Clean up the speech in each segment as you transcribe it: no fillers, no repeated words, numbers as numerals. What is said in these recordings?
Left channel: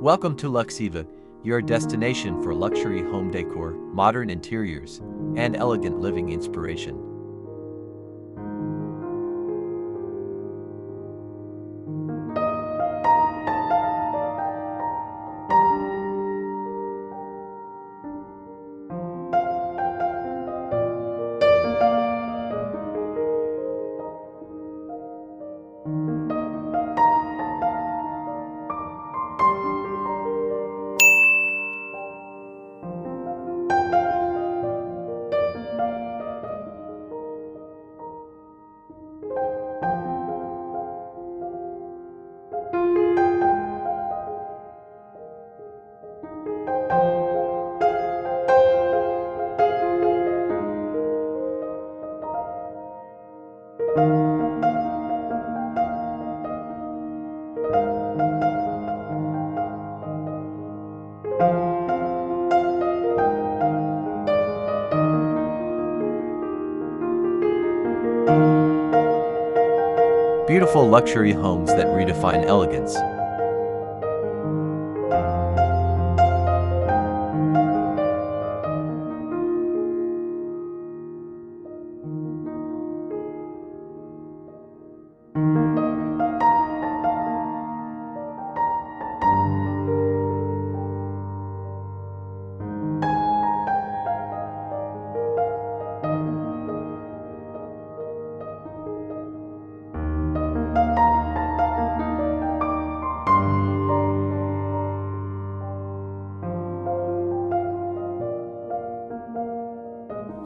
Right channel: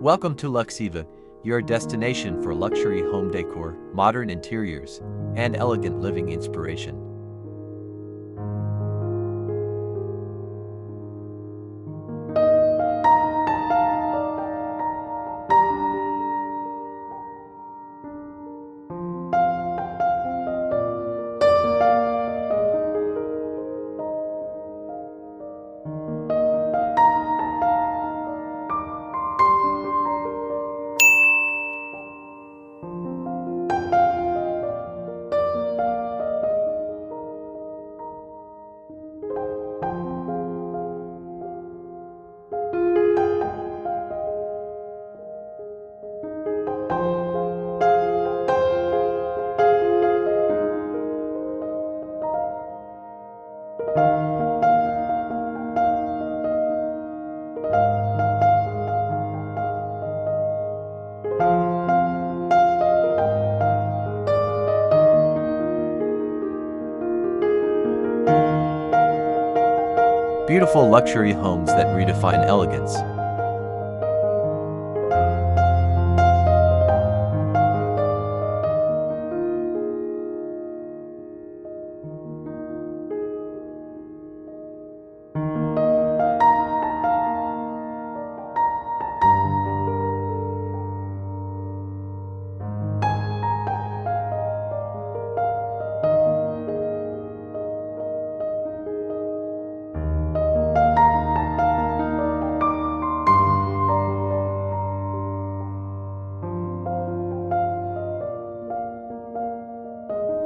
Welcome to Luxiva, your destination for luxury home decor, modern interiors, and elegant living inspiration. Beautiful luxury homes that redefine elegance.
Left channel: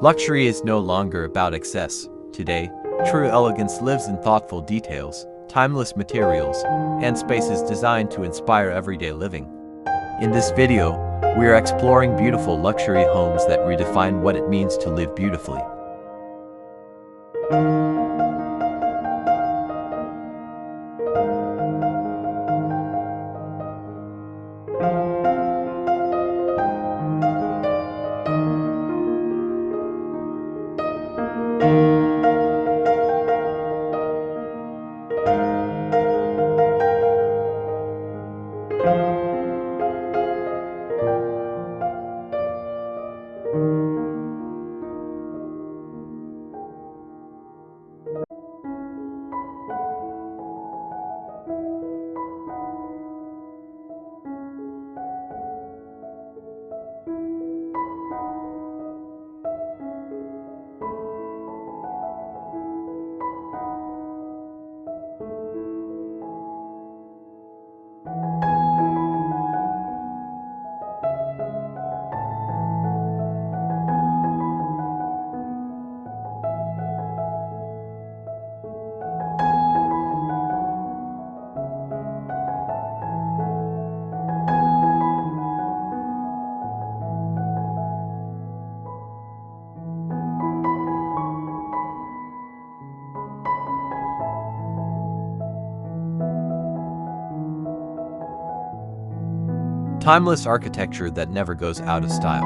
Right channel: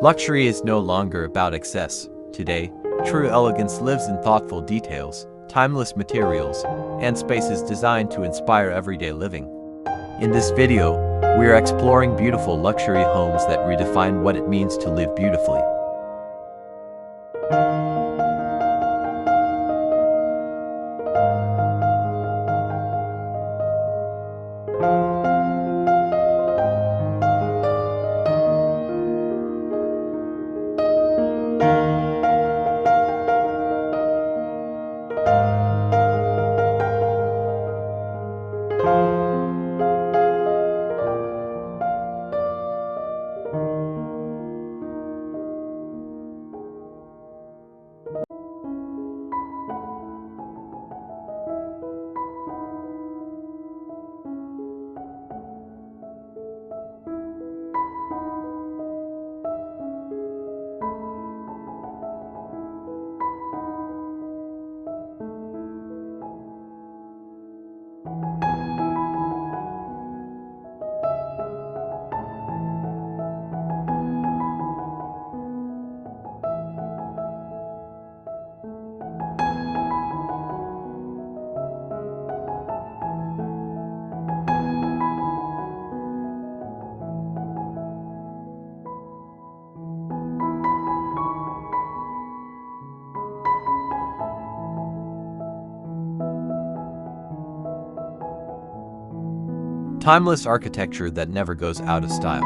Luxury is no longer about excess. Today, true elegance lives in thoughtful details, timeless materials, and spaces designed to inspire everyday living. In this video, we are exploring beautiful luxury homes that redefine what it means to live beautifully. Timeless architecture that never goes out of style.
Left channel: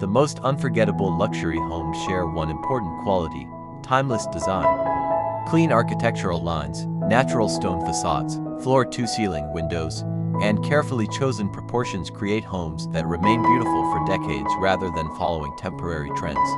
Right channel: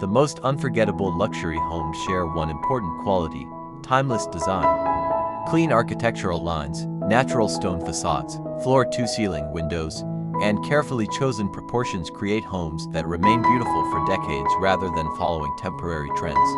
The most unforgettable luxury homes share one important quality: timeless design. Clean architectural lines, natural stone facades, floor-to-ceiling windows, and carefully chosen proportions create homes that remain beautiful for decades rather than following temporary trends.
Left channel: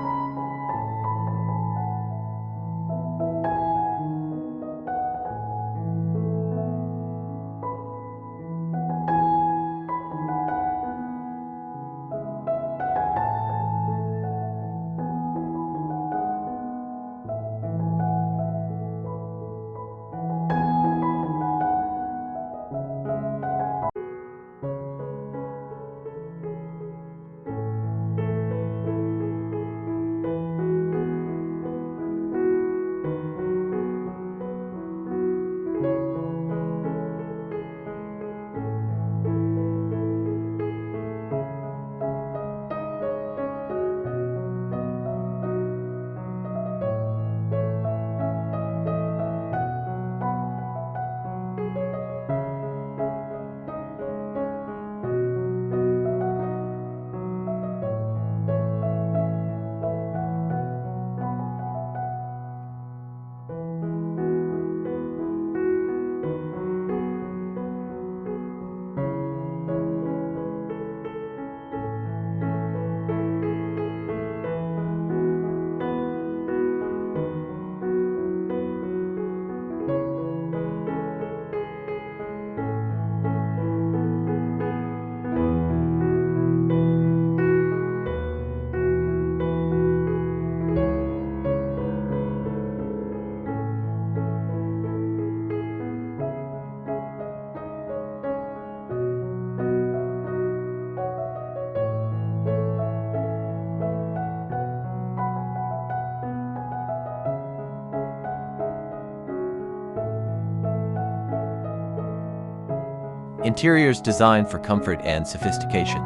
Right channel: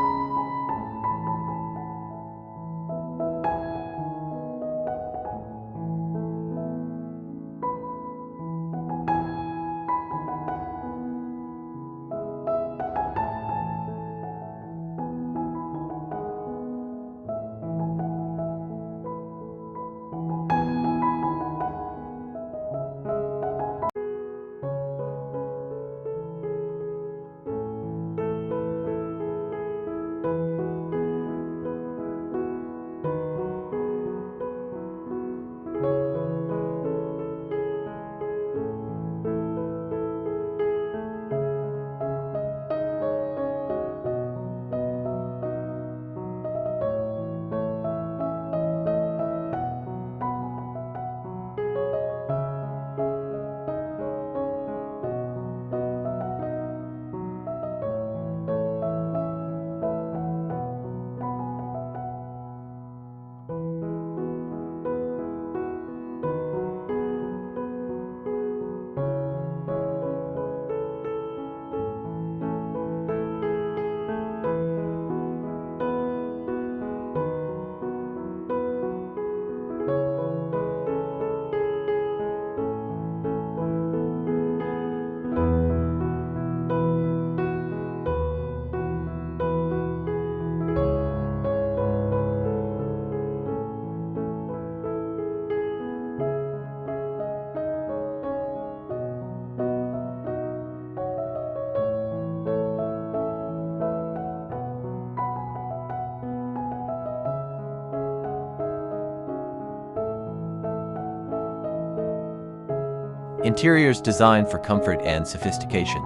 Interiors designed for comfort and sophistication.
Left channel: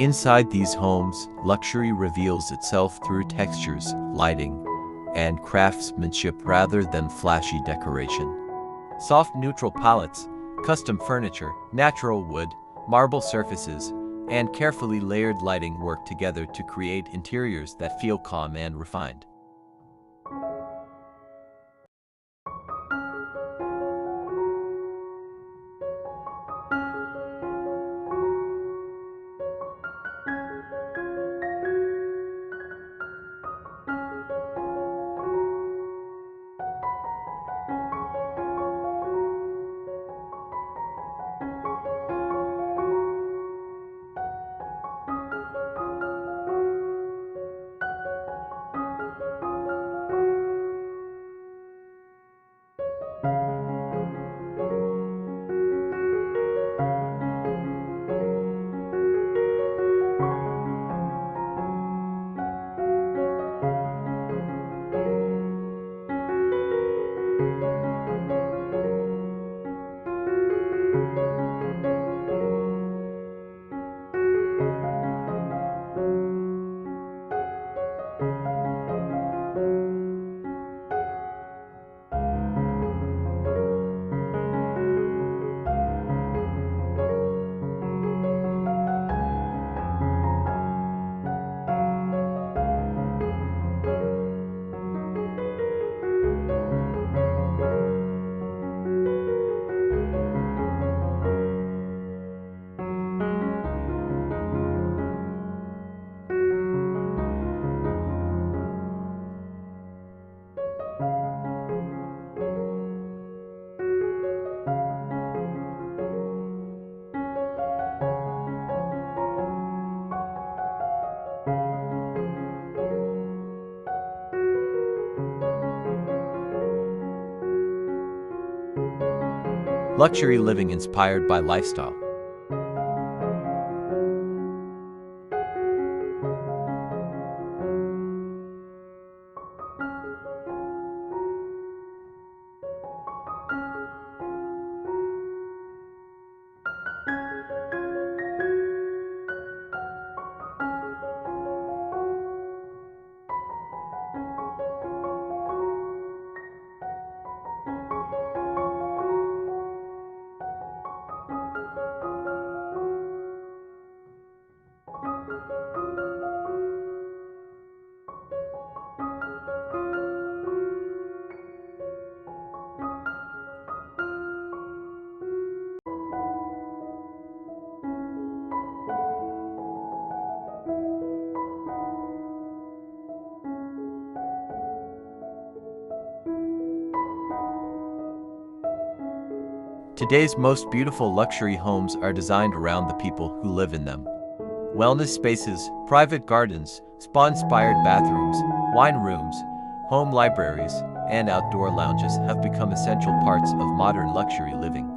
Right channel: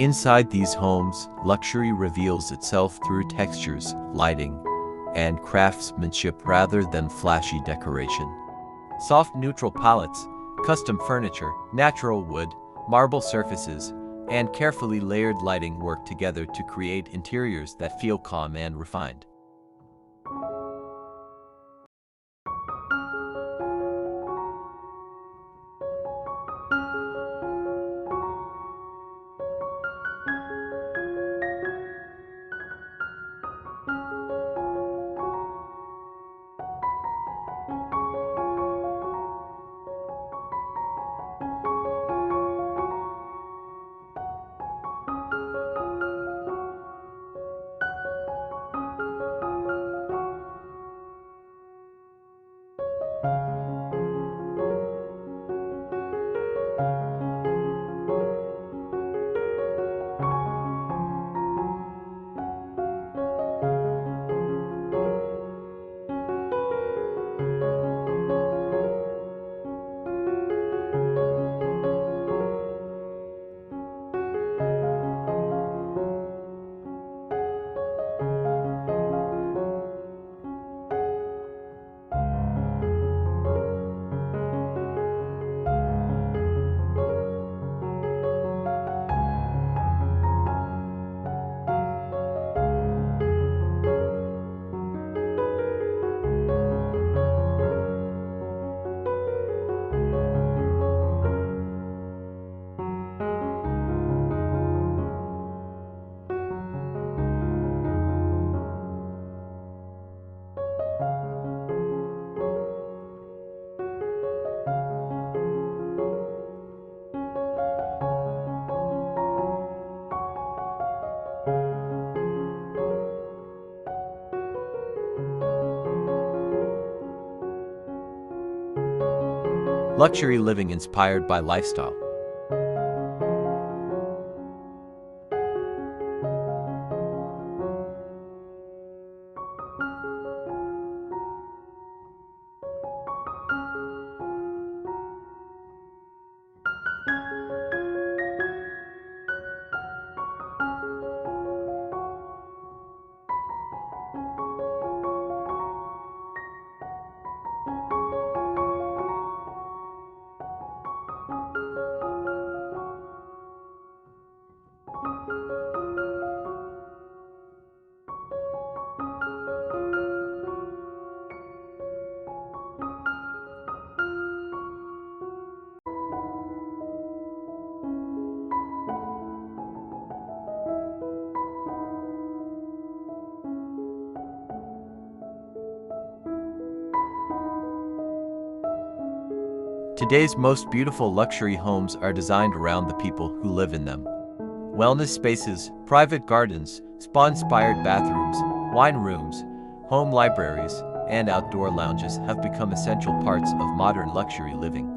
Inside these homes, luxury reveals itself through textures, lighting, and craftsmanship rather than flashy decoration. Soft neutral palettes, custom furniture, natural wood, marble surfaces, and carefully layered lighting work together to create interiors that feel calm and refined. Luxury living inspired by lifestyle. Today's most beautiful luxury homes are designed around the people who live in them. Wellness spaces, private gardens, spa-inspired bathrooms, wine rooms, home libraries, and outdoor lounges have become essential parts of modern luxury living.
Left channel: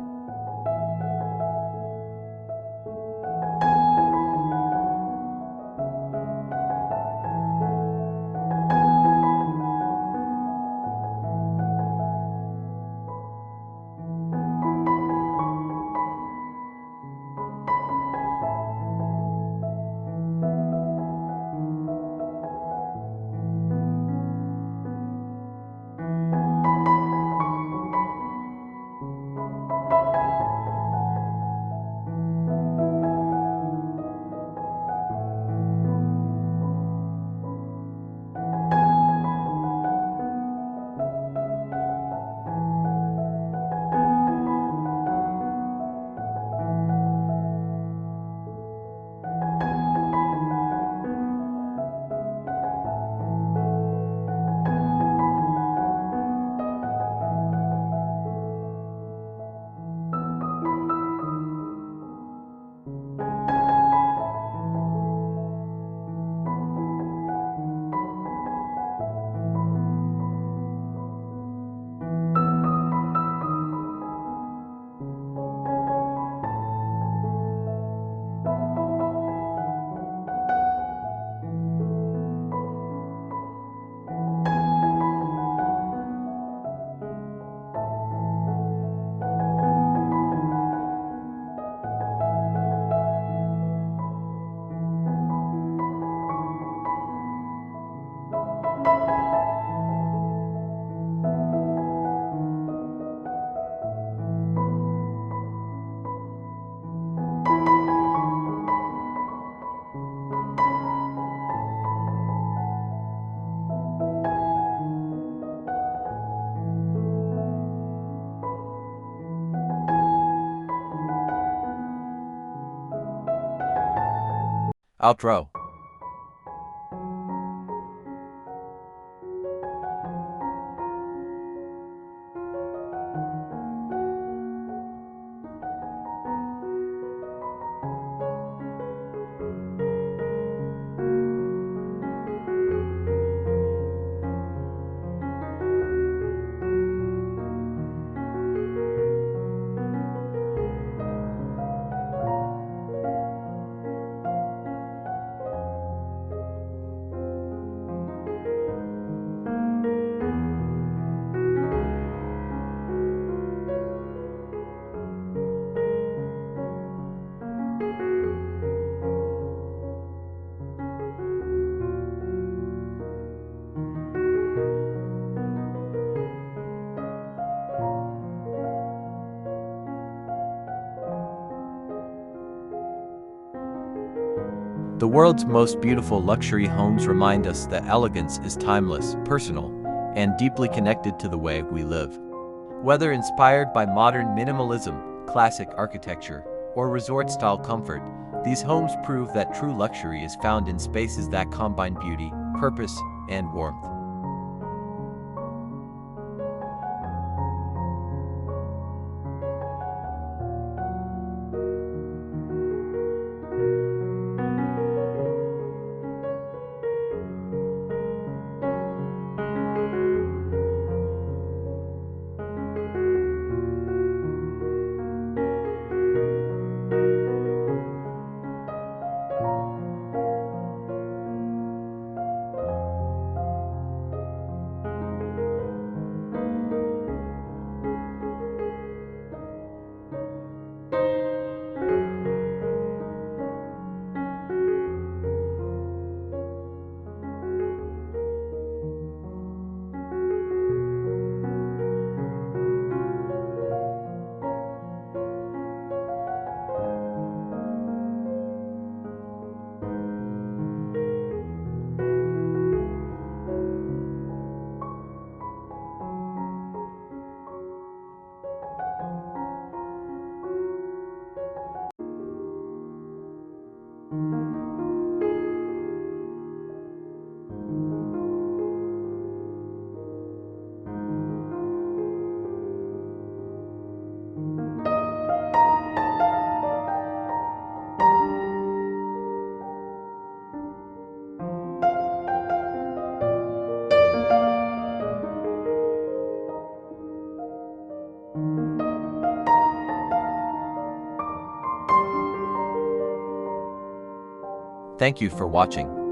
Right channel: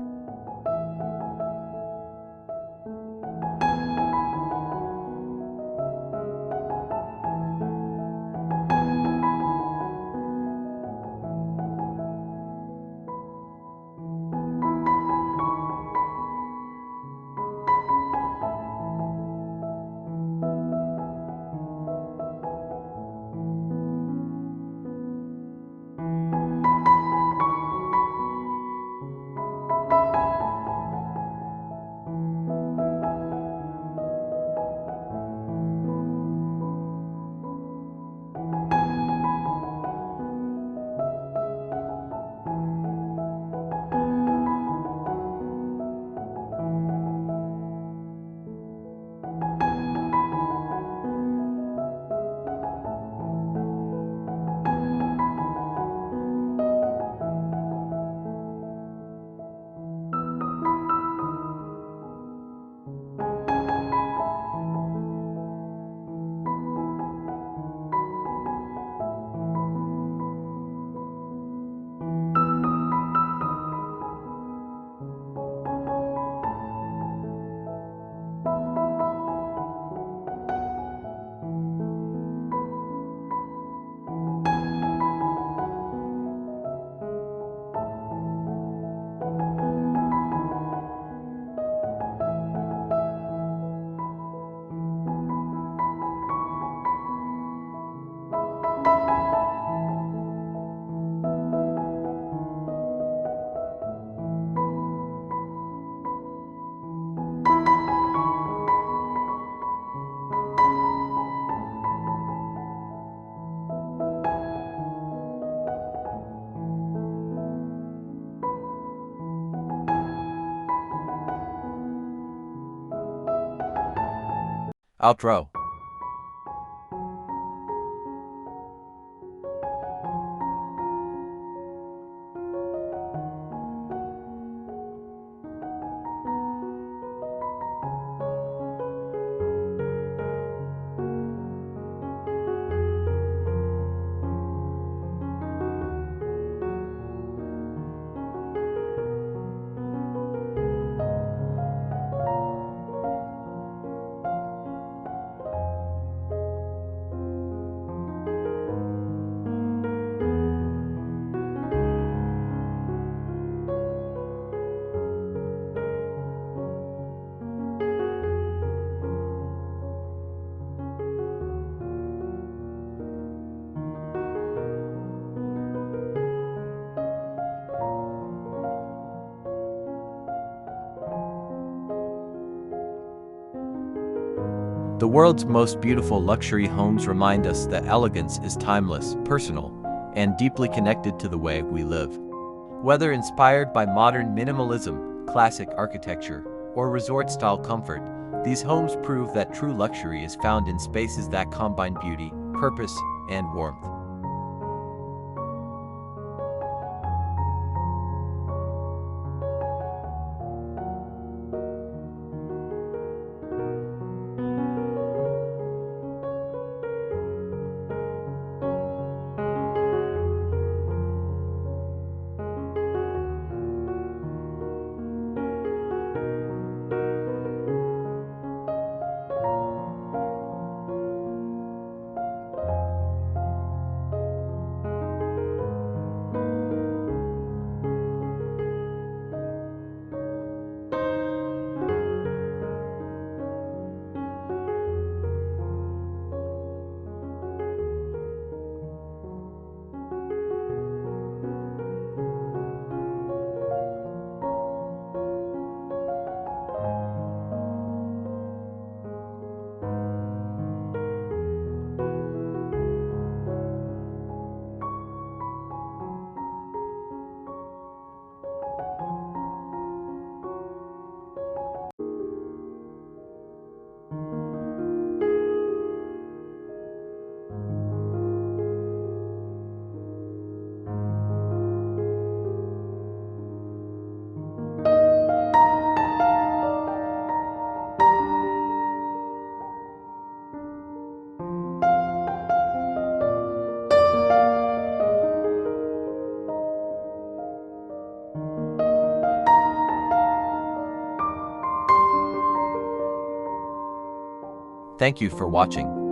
Outro. The world's most beautiful luxury homes remind us that elegance is timeless, personal, and deeply connected to the way we live. Whether inspired by modern minimalism, classic architecture, or resort-style comfort, these homes prove that true luxury is found in spaces that combine beauty, purpose, and warmth. Thank you for watching.